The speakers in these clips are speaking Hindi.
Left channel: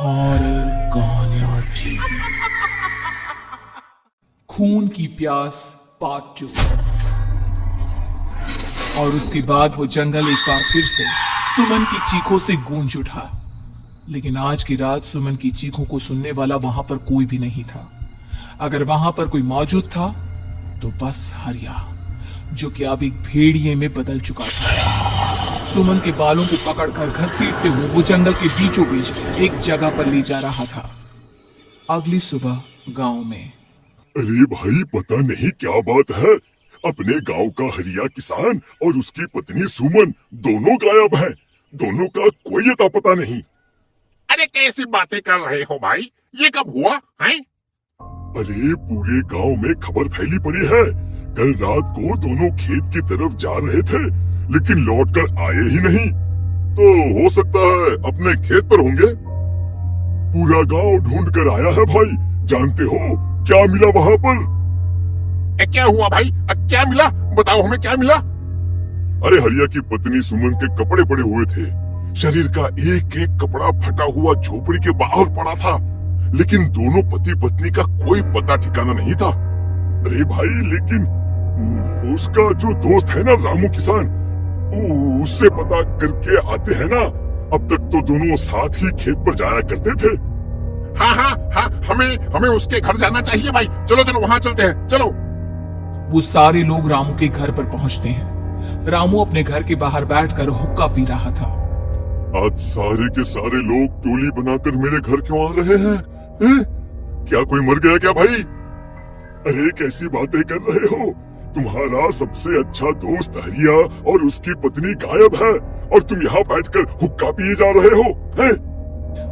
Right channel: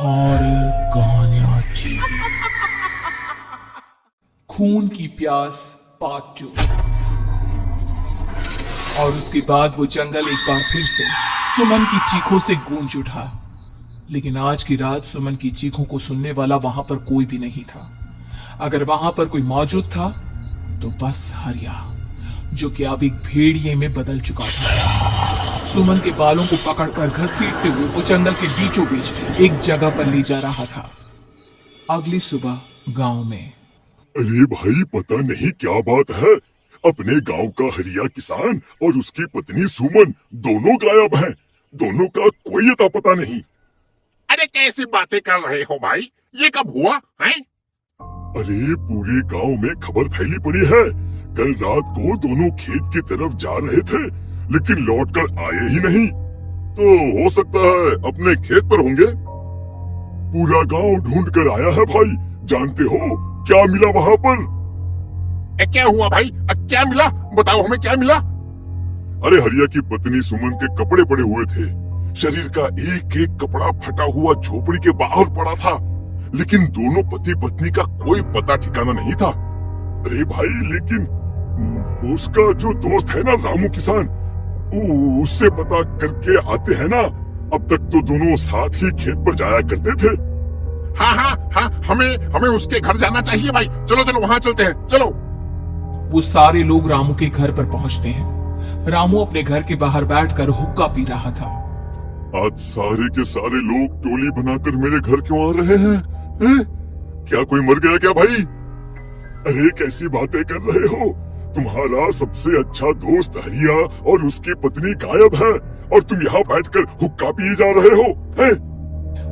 हॉरर कहानियां थी। खून की प्यास पार्ट 2। और उसके बाद वो जंगल एक बार फिर से सुमन की चीखों से गूंज उठा। लेकिन आज की रात सुमन की चीखों को सुनने वाला वहां पर कोई भी नहीं था। अगर वहां पर कोई मौजूद था तो बस हरिया, जो कि अब एक भेड़िए में बदल चुका था। सुमन के बालों को पकड़कर घसीटते हुए वो जंगल के बीचों बीच एक जगह पर ले जा रहा था। अगली सुबह गांव में। अरे भाई, पता नहीं क्या बात है। अपने गांव का हरिया किसान और उसकी पत्नी सुमन दोनों गायब हैं। दोनों का कोई अता पता नहीं। अरे कैसी बातें कर रहे हो भाई, ये कब हुआ है? अरे पूरे गांव में खबर फैली पड़ी है। कल रात को दोनों खेत की तरफ जा रहे थे, लेकिन लौट कर आए ही नहीं। तो हो सकता है अपने खेत पर होंगे। पूरा गांव ढूंढ कर आया है भाई। जानते हो क्या मिला वहां पर? क्या हुआ भाई, क्या मिला? बताओ हमें क्या मिला। अरे हरिया की पत्नी सुमन के कपड़े पड़े हुए थे। शरीर का एक एक कपड़ा फटा हुआ झोपड़ी के बाहर पड़ा था, लेकिन दोनों पति पत्नी का कोई पता ठिकाना नहीं था। अरे भाई, लेकिन उसका जो दोस्त है ना रामू किसान, उससे पता करके आते हैं ना। अब तक तो दोनों साथ ही खेत पर जाया करते थे। हाँ, हमें उसके घर जाना चाहिए भाई। चलो चलो वहाँ चलते हैं, चलो। वो सारे लोग रामू के घर पर पहुंचते हैं। रामू अपने घर के बाहर बैठकर हुक्का पी रहा था। आज सारे के सारे लोग टोली बनाकर मेरे घर क्यों आ रहे हैं? क्या कोई मर गया क्या भाई? अरे कैसी बातें कर रहे हो? तुम्हारा सबसे अच्छा दोस्त हरिया और उसकी पत्नी गायब है, और तुम यहाँ बैठकर हुक्का पिए जा रहे हो, हैं?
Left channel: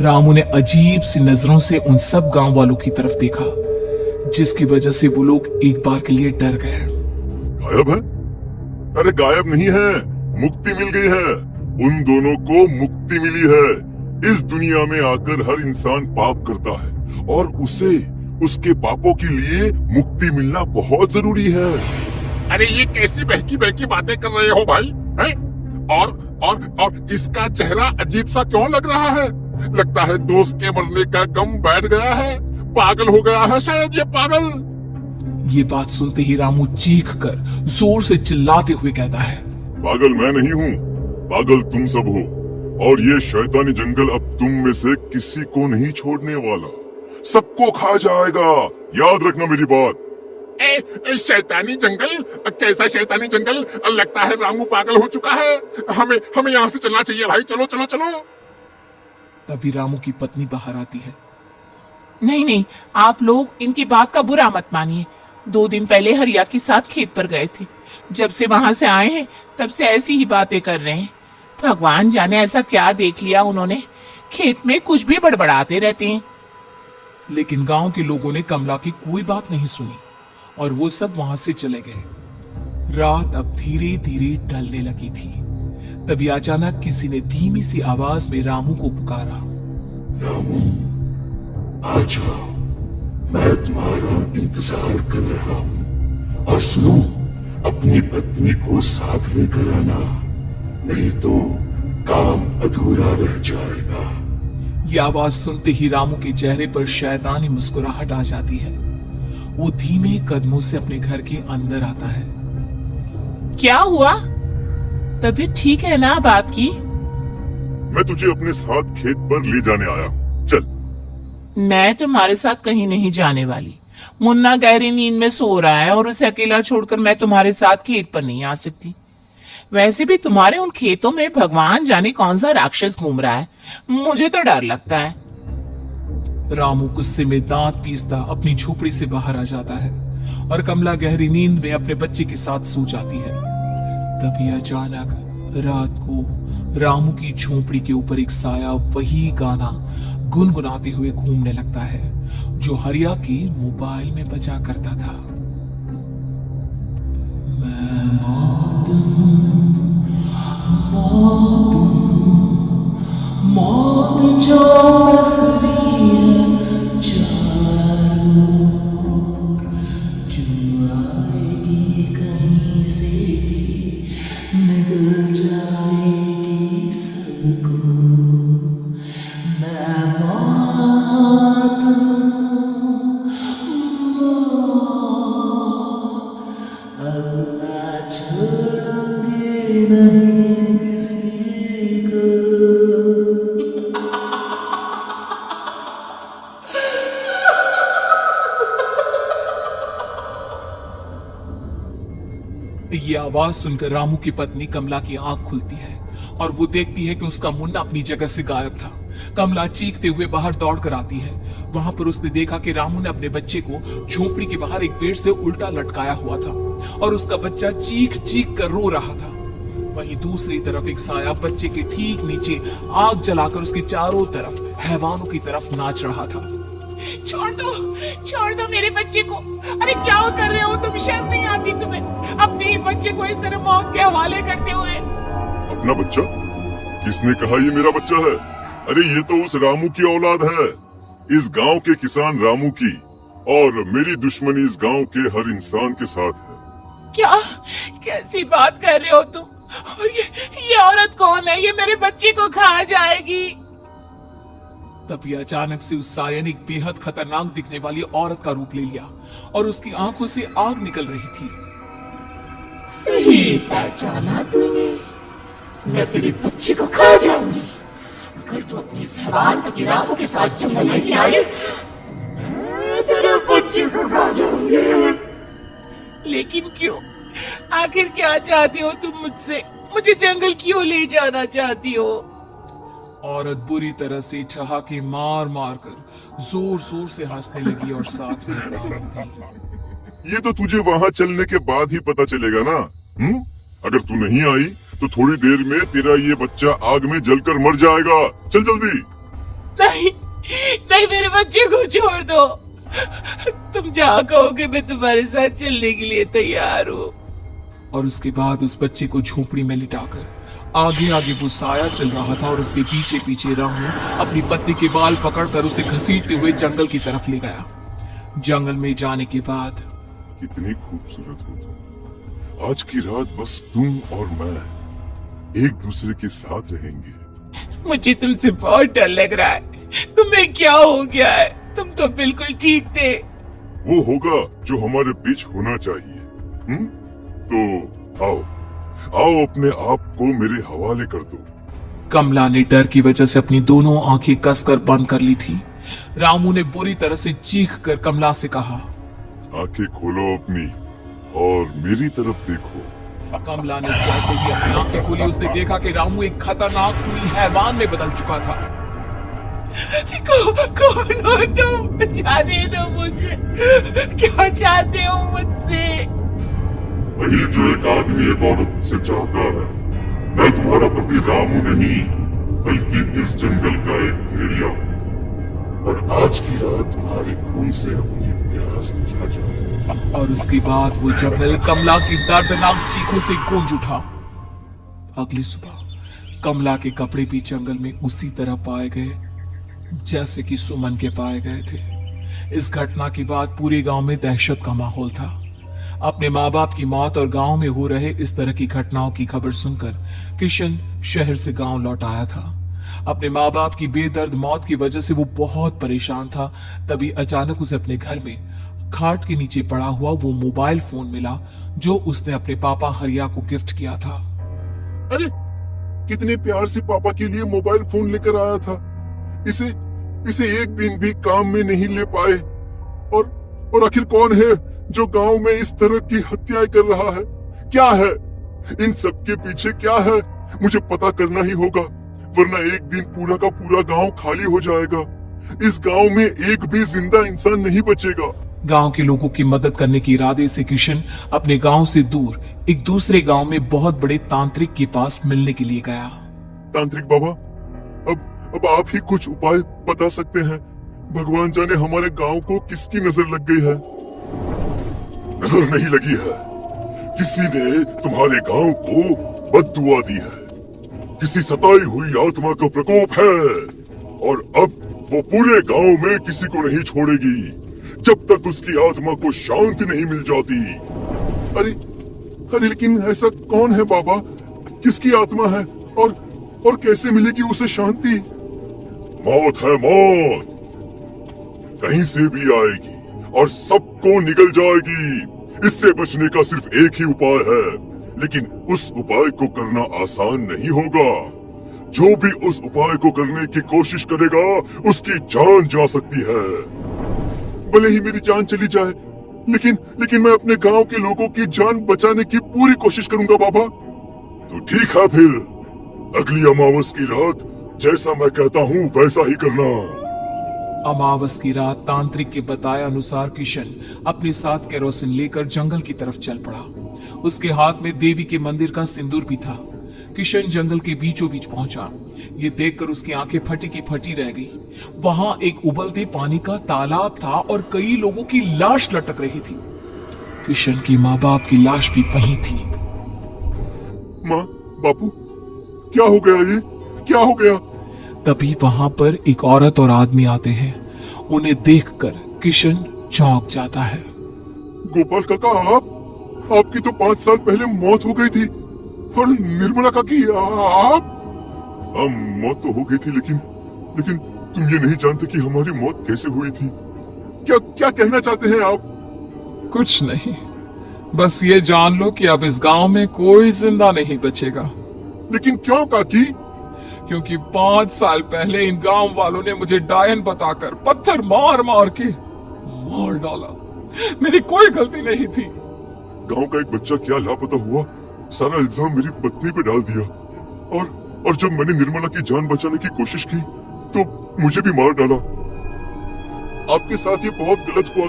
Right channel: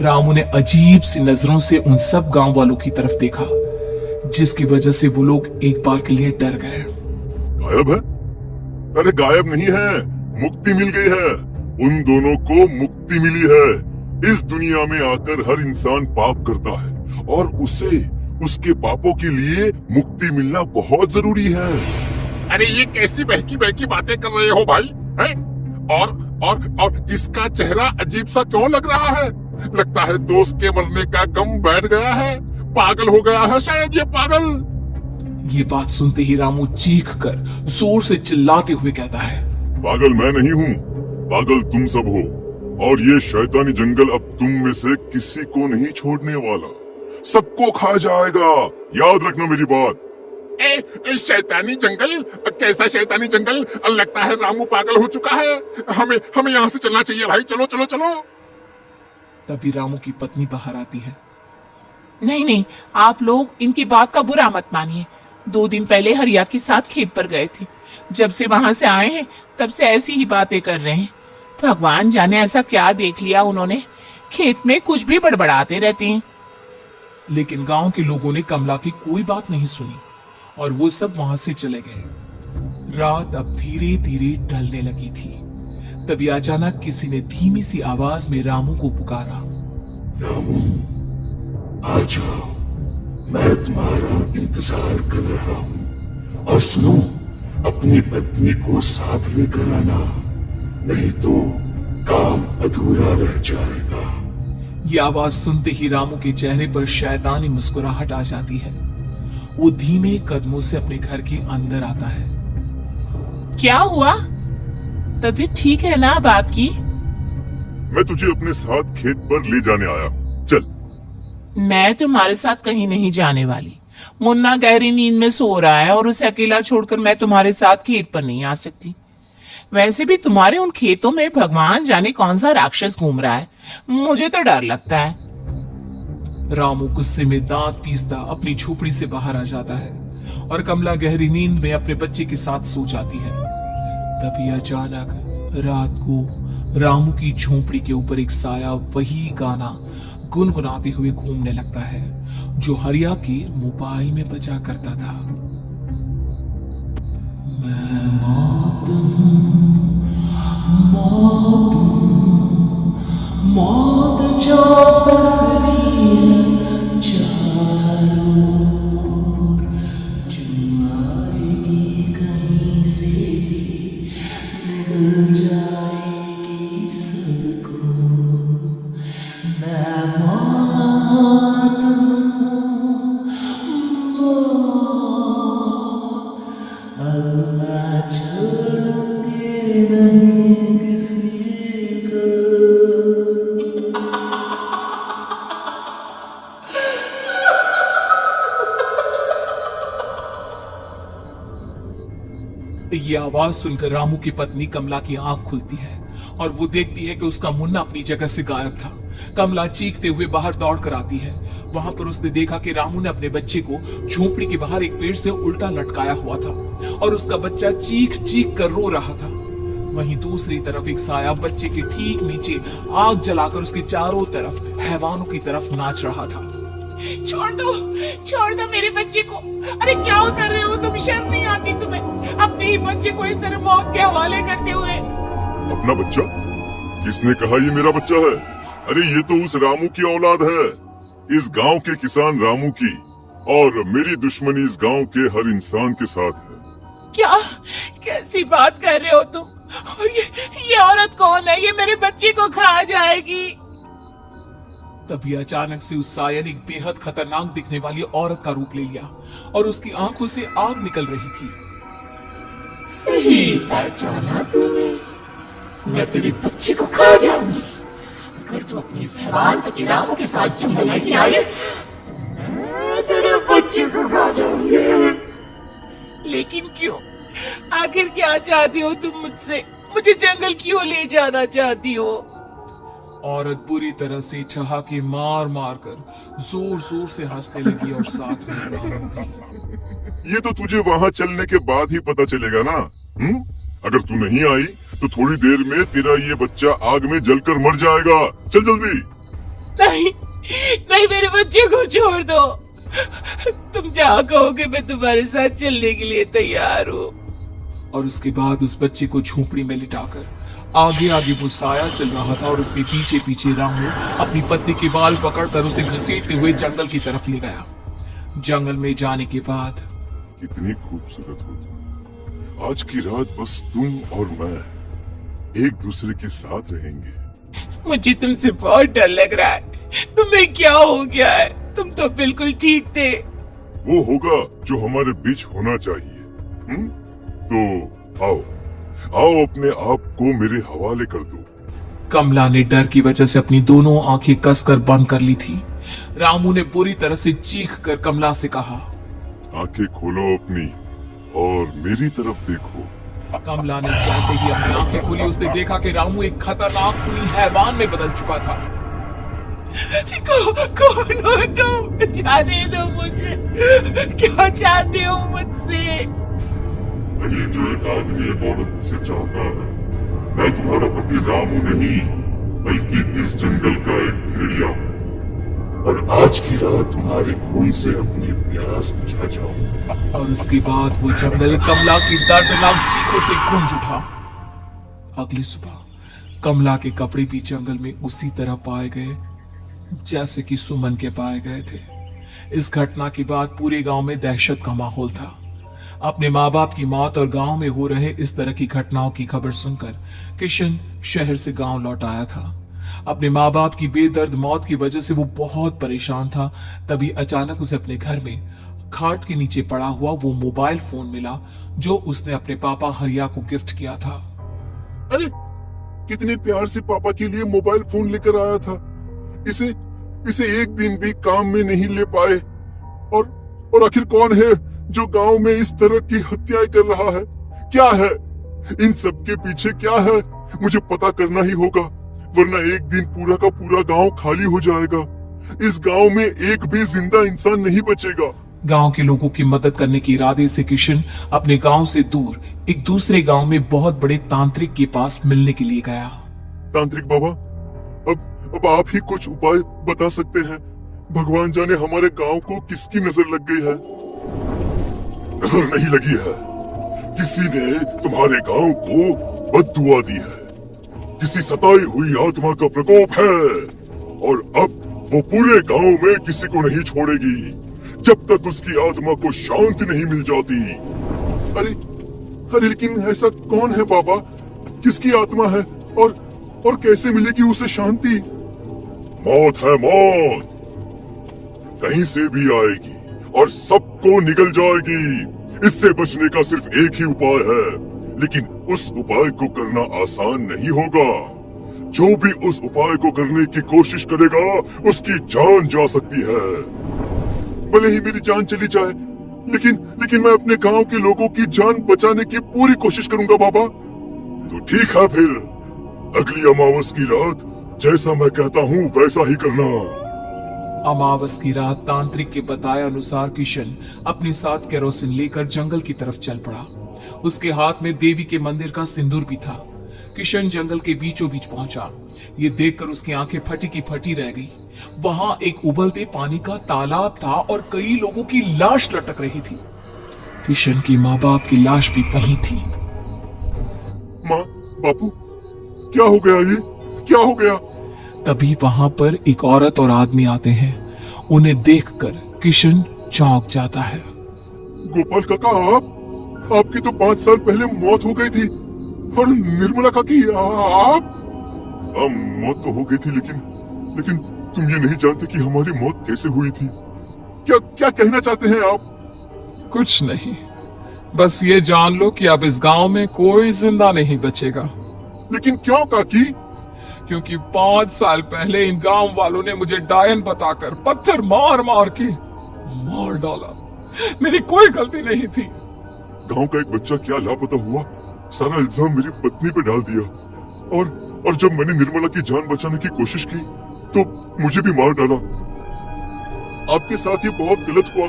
रामू ने अजीब सी नजरों से उन सब गांव वालों की तरफ देखा, जिसकी वजह से वो लोग एक बार के लिए डर गए। गायब है? अरे गायब नहीं है, मुक्ति मिल गई है। उन दोनों को मुक्ति मिली है। इस दुनिया में आकर हर इंसान पाप करता है, और उसे उसके पापों के लिए मुक्ति मिलना बहुत जरूरी है। अरे ये कैसी बहकी बहकी बातें कर रहे हो भाई, हैं? और इसका चेहरा अजीब सा क्यों लग रहा है? लगता है दोस्त के मरने का गम बैठ गया है। पागल हो गया है शायद ये पागल। ये बात सुनते ही रामू चीख कर जोर से चिल्लाते हुए कहता है, पागल मैं नहीं हूँ, पागल तुम सब हो। और ये शैतानी जंगल अब तुम में से किसी को नहीं छोड़ने वाला, सबको खा जाएगा। याद रखना मेरी बात। शैतानी जंगल? कैसा शैतानी जंगल? लगता है रामू पागल हो चुका है। हमें यहाँ से चलना चाहिए भाई। चलो चलो चलो। तभी रामू की पत्नी बाहर आती है। नहीं नहीं, आप लोग इनकी बात का बुरा मत मानिए। 2 दिन पहले हरिया के साथ खेत पर गए थे। जब से वहां से आए हैं तब से ऐसी ही बातें कर रहे हैं। भगवान जाने ऐसा क्या देख लिया उन्होंने, खेत में कुछ भी बड़बड़ाते रहते हैं। लेकिन गांव के लोगों ने कमला की कोई बात नहीं सुनी और वो सब वहां से चले गए। रात अब धीरे धीरे ढलने लगी थी। तभी अचानक किसी ने धीमी सी आवाज में रामू को पुकारा। रामू, आ जाओ, मैं तुम्हारा इंतजार कर रहा हूँ। और सुनो, अपनी पत्नी को साथ में कराना, नहीं तो काम अधूरा रह जाएगा। ये आवाज सुनते ही रामू के चेहरे पर शैतानी मुस्कुराहट आ जाती है। वो धीमे कदमों से अपने घर के अंदर आता है। क्या हुआ? तबीयत ठीक है ना अब आपकी? मैं तुझे अपने साथ खेत पर ले जाने आया हूँ, चल। मैं तुम्हारे साथ कहीं नहीं जाने वाली। मुन्ना गहरी नींद में सो रहा है और उसे अकेला छोड़कर मैं तुम्हारे साथ खेत पर नहीं आ सकती। वैसे भी तुम्हारे उन खेतों में भगवान जाने कौन सा राक्षस घूम रहा है, मुझे तो डर लगता है। रामू गुस्से में दांत पीसता अपनी झोपड़ी से बाहर आ जाता है और कमला गहरी नींद में अपने बच्चे के साथ सो जाती है। तभी अचानक रात को रामू की झोपड़ी के ऊपर एक साया वही गाना गुनगुनाते हुए घूमने लगता है जो हरिया के मोबाइल में बजा करता था। मैं मौत जो बसरी है जो आएगी कहीं से, मिल जाएगी सबको। मैं ये आवाज सुनकर रामू की पत्नी कमला की आंख खुलती है और वो देखती है कि उसका मुन्ना अपनी जगह से गायब था। कमला चीखते हुए बाहर दौड़ कर आती है। वहां पर उसने देखा कि रामू ने अपने बच्चे को झोपड़ी के बाहर एक पेड़ से उल्टा लटकाया हुआ था और उसका बच्चा चीख चीख कर रो रहा था। वहीं दूसरी तरफ एक साया बच्चे के ठीक नीचे आग जलाकर उसके चारों तरफ हैवानों की तरफ नाच रहा था। छोड़ दो मेरे बच्चे को। अरे क्या कर रहे हो तुम? शर्म नहीं आती तुम्हें अपने ही बच्चे को इस तरह मौत के हवाले करते हुए? अपना बच्चा? किसने कहा ये मेरा बच्चा है? अरे ये तो उस रामू की औलाद है, इस गांव के किसान रामू की, और मेरी दुश्मनी इस गांव के हर इंसान के साथ है। क्या कैसी बात कर रहे हो तुम? और ये औरत कौन है? ये मेरे बच्चे को खा जाएगी। तभी अचानक से उस साया ने एक बेहद खतरनाक दिखने वाली औरत का रूप ले लिया और उसकी आंखों से आग निकल रही थी। सही पहचाना तूने, मैं तेरे बच्चे को खा जाऊंगी। अगर तू अपनी इस हैवान रामू के साथ जंगल नहीं आई, मैं तेरे बच्चे को खा जाऊंगी। लेकिन क्यों? आखिर क्या चाहती हो तुम मुझसे? मुझे जंगल क्यों ले जाना चाहती हो? औरत बुरी तरह से ठहाके मार मार कर जोर जोर से हंसने लगी और साथ में ये तो तुझे वहाँ चलने के बाद ही पता चलेगा ना। अगर तू नहीं आई तो थोड़ी देर में तेरा ये बच्चा आग में जलकर मर जाएगा। चल जल्दी। नहीं मेरे बच्चे को छोड़ दो। तुम जहाँ कहोगे मैं तुम्हारे साथ चलने के लिए तैयार हूँ। और उसके बाद उस बच्चे को झोपड़ी में लिटाकर आगे आगे वो साया चल रहा था और उसके पीछे पीछे रामू अपनी पत्नी के बाल पकड़कर उसे घसीटते हुए जंगल की तरफ ले गया। जंगल में जाने के बाद कितनी खूबसूरत हो। आज की रात बस तुम और मैं एक दूसरे के साथ रहेंगे। मुझे तुमसे बहुत डर लग रहा है। तुम्हें क्या हो गया है? तुम तो बिल्कुल ठीक थे। वो होगा जो हमारे बीच होना चाहिए। तो आओ अपने आप को मेरे हवाले कर दो। कमला ने डर की वजह से अपनी दोनों आंखें कसकर बंद कर ली थी। रामू ने बुरी तरह से चीख कर कमला से कहा, आंखें खोलो अपनी और मेरी तरफ देखो। कमला ने जैसे ही अपनी आंखें खोली उसने देखा कि रामू एक खतरनाक खूनी हैवान में बदल चुका था। कौन हो तुम? जाने दो मुझे। क्या चाहते हो मुझसे? वही जो एक आदमी एक औरत से चाहता है। मैं तुम्हारा पति रामू नहीं, बल्कि इस जंगल का एक भेड़िया हूँ, और आज की रात तुम्हारे खून से अपनी प्यास बुझा जाऊंगा। और उसके बाद वो जंगल कमला की दर्दनाक चीखों से गूंज उठा। अगली सुबह कमला के कपड़े भी जंगल में उसी तरह पाए गए जैसे कि सुमन के पाए गए थे। इस घटना के बाद पूरे गांव में दहशत का माहौल था। अपने माँ बाप की मौत और गांव में हो रहे इस तरह की घटनाओं की खबर सुनकर किशन शहर से गांव लौट आया था। अपने माँ बाप की बेदर्द मौत की वजह से वो बहुत परेशान था। तभी अचानक उसे अपने घर में खाट के नीचे पड़ा हुआ वो मोबाइल फोन मिला जो उसने अपने पापा हरिया को गिफ्ट किया था। अरे कितने प्यार से पापा के लिए मोबाइल फोन लेकर आया था। इसे एक दिन भी काम में नहीं ले पाए। और आखिर कौन है जो गांव में इस तरह की हत्याएं कर रहा है? क्या है इन सब के पीछे? क्या है? मुझे पता करना ही होगा, वरना एक दिन पूरा का पूरा गांव खाली हो जाएगा। इस गांव में एक भी जिंदा इंसान नहीं बचेगा। गांव के लोगों की मदद करने के इरादे से किशन अपने गांव से दूर एक दूसरे गांव में बहुत बड़े तांत्रिक के पास मिलने के लिए गया। तांत्रिक बाबा, अब आप ही कुछ उपाय बता सकते हैं। भगवान जाने हमारे गांव को किसकी नजर लग गई है। नजर नहीं लगी है, किसी ने तुम्हारे गांव को बद्दुआ दी है। किसी सताई हुई आत्मा का प्रकोप है, और अब वो पूरे गांव में किसी को नहीं छोड़ेगी जब तक उसकी आत्मा को शांति नहीं मिल जाती। अरे लेकिन ऐसा कौन है बाबा? किसकी आत्मा है और कैसे मिलेगी उसे शांति? मौत है मौत, कहीं से भी आएगी और सबको निगल जाएगी। इससे बचने का सिर्फ एक ही उपाय है, लेकिन उस उपाय को करना आसान नहीं होगा। जो भी उस उपाय को करने की कोशिश करेगा उसकी जान जा सकती है। भले ही मेरी जान चली जाए, लेकिन मैं अपने गांव के लोगों की जान बचाने की पूरी कोशिश करूंगा बाबा। तो ठीक है फिर, अगली अमावस की रात जैसा मैं कहता हूँ वैसा ही करना। अमावस की रात तांत्रिक के बताए अनुसार किशन अपने साथ केरोसिन लेकर जंगल की तरफ चल पड़ा। उसके हाथ में देवी के मंदिर का सिंदूर भी था। किशन जंगल के बीचों बीच पहुंचा। ये देखकर उसकी आंखें फटी की फटी रह गई। वहां एक उबलते पानी का तालाब था और कई लोगों की लाश लटक रही थी। किशन की माँ बाप की लाश भी वहीं थी। माँ, बापू, क्या हो गया? ये क्या हो गया? तभी वहां पर एक औरत और आदमी आते हैं। उन्हें देखकर किशन चौंक जाता है। गोपाल काका, आपकी तो 5 साल पहले मौत हो गई थी। और निर्मला काकी, आप? मौत तो हो गई थी, लेकिन तुम ये नहीं जानते कि हमारी मौत कैसे हुई थी। क्या कहना चाहते हैं आप? कुछ नहीं, बस ये जान लो कि अब इस गांव में कोई जिंदा नहीं बचेगा। लेकिन क्यों काकी? क्योंकि 5 साल पहले इन गांव वालों ने मुझे डायन बताकर पत्थर मार मार के मार डाला। मेरी कोई गलती नहीं थी। गांव का एक बच्चा क्या लापता हुआ, सारा इल्जाम मेरी पत्नी पे डाल दिया। और जब मैंने निर्मला की जान बचाने की कोशिश की तो मुझे भी मार डाला। आपके साथ ये बहुत गलत हुआ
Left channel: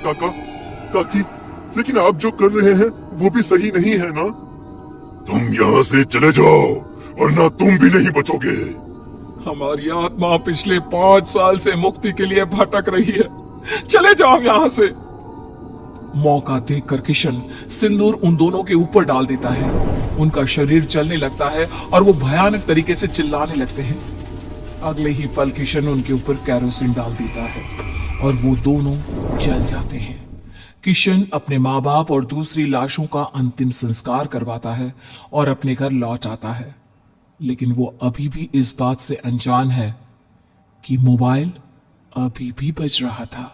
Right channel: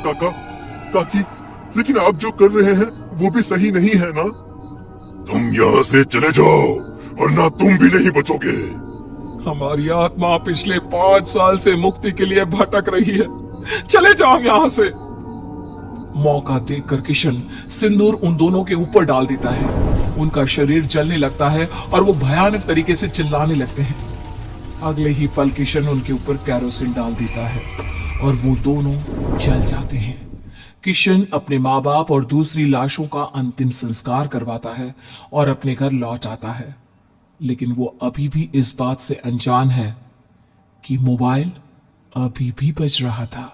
काकी, लेकिन आप जो कर रहे हैं वो भी सही नहीं है ना? तुम यहाँ से चले जाओ, वरना तुम भी नहीं बचोगे। हमारी आत्मा पिछले 5 साल से मुक्ति के लिए भटक रही है। चले जाओ यहाँ से। मौका देखकर किशन सिंदूर उन दोनों के ऊपर डाल देता है। उनका शरीर जलने लगता है और वो भयानक तरीके से चिल्लाने लगते हैं। अगले ही पल किशन उनके ऊपर केरोसिन डाल देता है और वो दोनों जल जाते हैं। किशन अपने माँ बाप और दूसरी लाशों का अंतिम संस्कार करवाता है और अपने घर लौट आता है। लेकिन वो अभी भी इस बात से अनजान है कि मोबाइल अभी भी बज रहा था।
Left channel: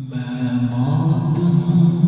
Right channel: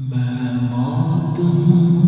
मैं मौत हूं,